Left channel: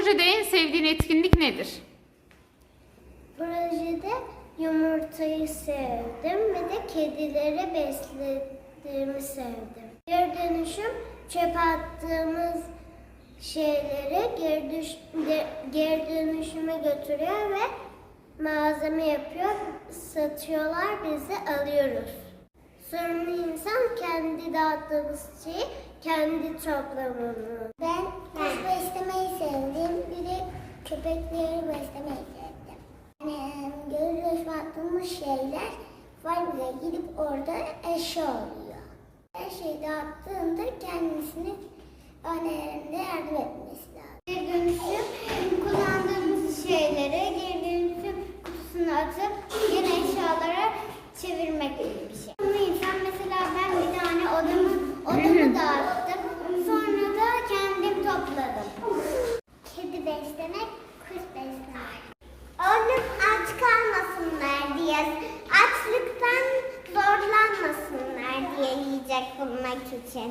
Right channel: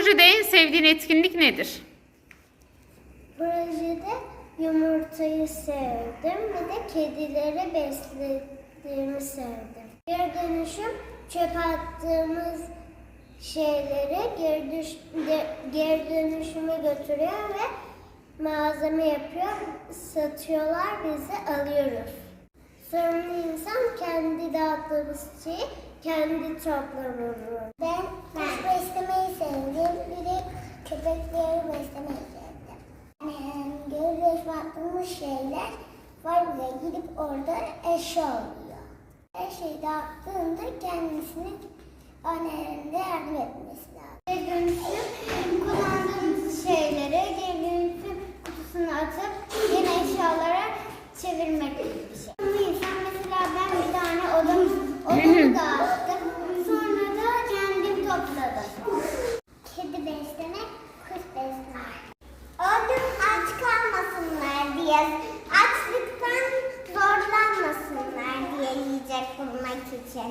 projede en sevdiğin etkinlik nedir? Projede yumurtayı sevdim ve de kedileri beslediğimi sevdim. Geri dönüşüm çöp attığımız şeyleri geri, düş, geri dönüşüme götürüyor ve malzeme yapıyor, satıyorlar, biz alıyoruz. Sorumlu insan kendi dağıttığımız şeyi kendi toplamını. Ben kuş beslemeyi sevdim, bir de köpekleri beslemeyi sevdim. Yani görüyoruz baktığımız şeyler var buraya gidip orada eşya oluyor. Her şeyi dağıttığında kendisini annelerinde yardım 是甜